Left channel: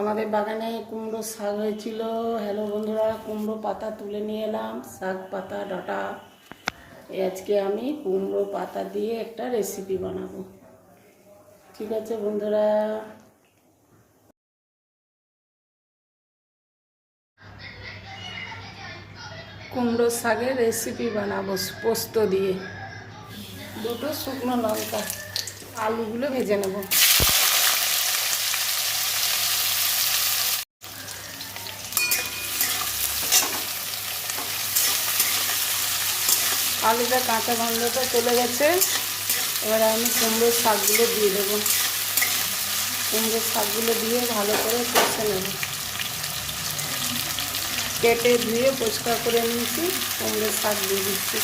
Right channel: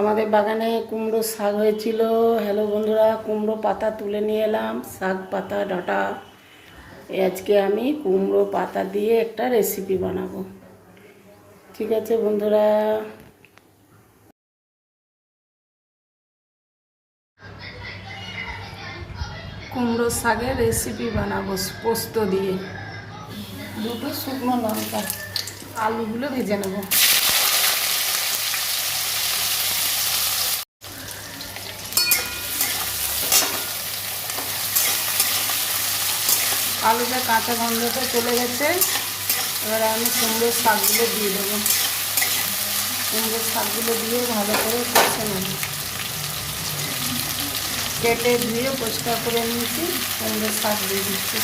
আমাদের বাগানে কুমড়ো শাক হয়েছিল। হ্যালো বন্ধুরা, কুমড়ো পাতা তুলে নিয়ে এলাম। শাক পাতা, ডাটা। আজকে আমি কুমড়ো পাতা দিয়ে একটা রেসিপি বানাবো। ঠিক আছে বন্ধুরা? কুমড়ো শাকের রেসিপি বানাবো পোস্ত দিয়ে। দুটো শুকনো লঙ্কা। আলুগুলো ভেজে নেব। আলুটা কাঁচা গন্ধটা চলে গেছে। এবার আমি কুমড়োর শাকগুলো দিয়ে দেবো। কুমড়োর শাকগুলো দিয়ে ভালো করে কষে নেব। কেটে ধুয়ে পরিষ্কার করে নিয়েছি। কুমড়োর শাক দিয়ে দিচ্ছি।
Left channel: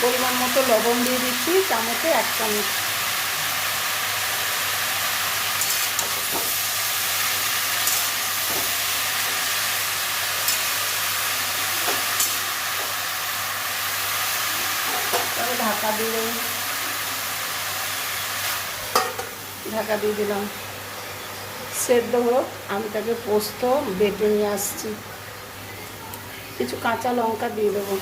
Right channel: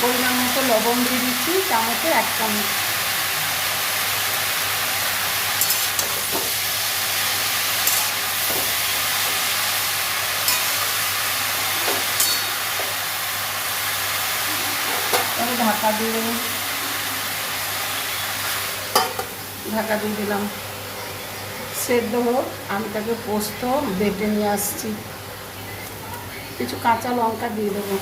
পরিমাণ মতো লবণ দিয়ে দিচ্ছি, চামচে এক চামচ। ঢাকা দিয়ে ঢাকা দিয়ে দিলাম। সেদ্ধ হোক, আমি তাকে পোস্ত বেটে নিয়ে আসছি। কিছু কাঁচা লঙ্কা দিয়ে দেবো।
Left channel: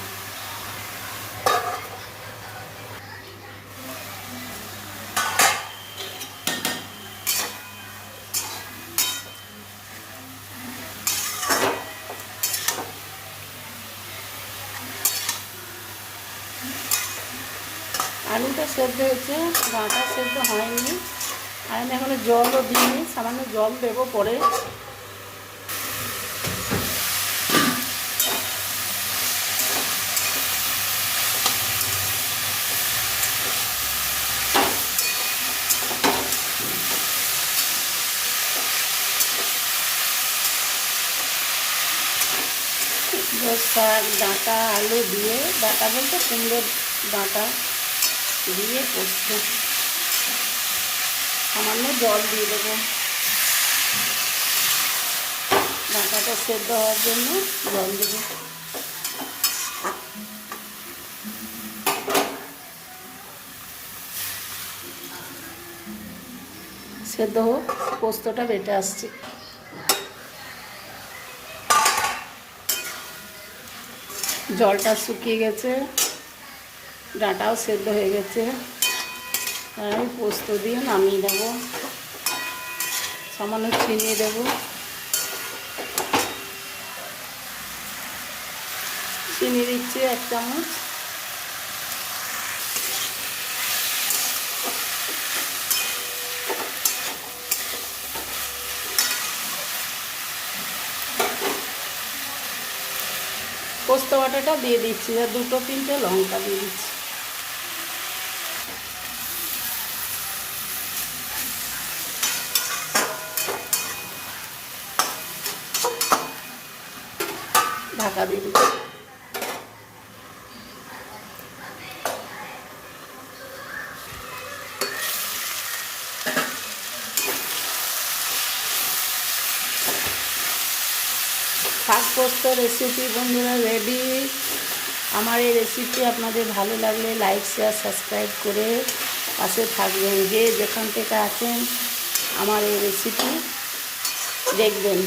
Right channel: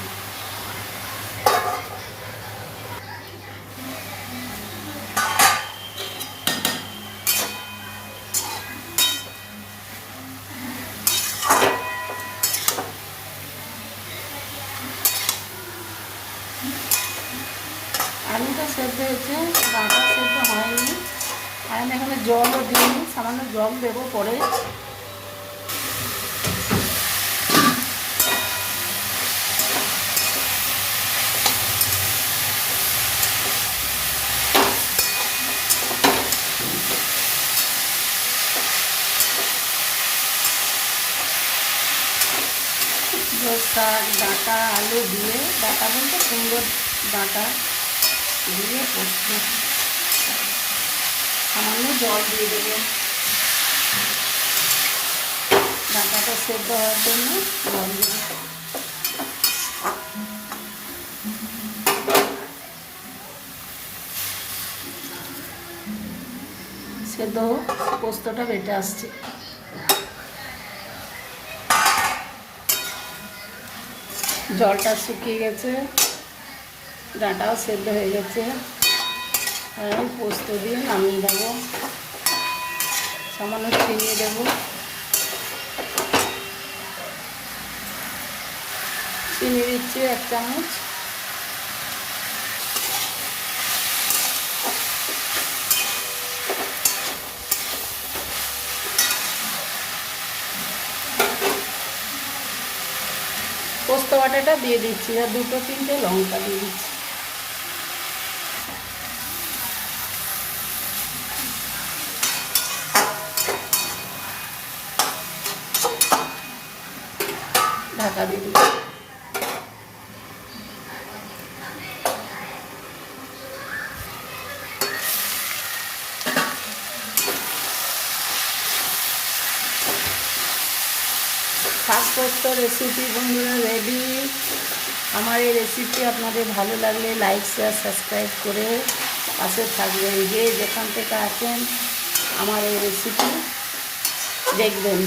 আলুটা সেদ্ধ হয়েছে ডাঁটা সেদ্ধ হয়নি। আর আমি এখানে জলও দিইনি, সামান্য জল দেবো পরে। ডাঁটা, আলু দিয়ে, ডাঁটা বলতে কুমড়োর ডাঁটা। দিয়ে পোস্ত সামান্য জল দিয়ে দেবো। ডাঁটাটা সেদ্ধ হওয়ার জন্য জল দেবো। সেদ্ধ হোক, পোস্তটা বেটে আসছে। জলটা শুকিয়ে গেছে। ডাঁটাও সেদ্ধ হয়ে গেছে। আমি পোস্ত দিয়ে নামিয়ে দেবো। সামান্য চিনি দেবো। চিনি দিচ্ছি এক চামচ। পোস্ত বাটাটা দিয়ে দিচ্ছি। আর দুটো তিনটে লঙ্কা দিয়ে দিচ্ছি। ঢাকা দিয়ে শাক পোস্ত রেসিপি বন্ধুরা রেডি আমার এই রেসিপি আপনাদের ভালো লাগলে লাইক শেয়ার সাবস্ক্রাইব করে পাশে থাকবেন। যে যেখান থেকে আছেন, আমার এই রেসিপি দেখবেন।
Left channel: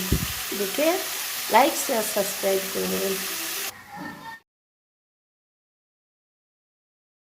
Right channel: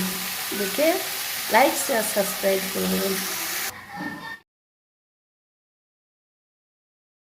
দেখে লাইক শেয়ার সাবস্ক্রাইব করে দেবেন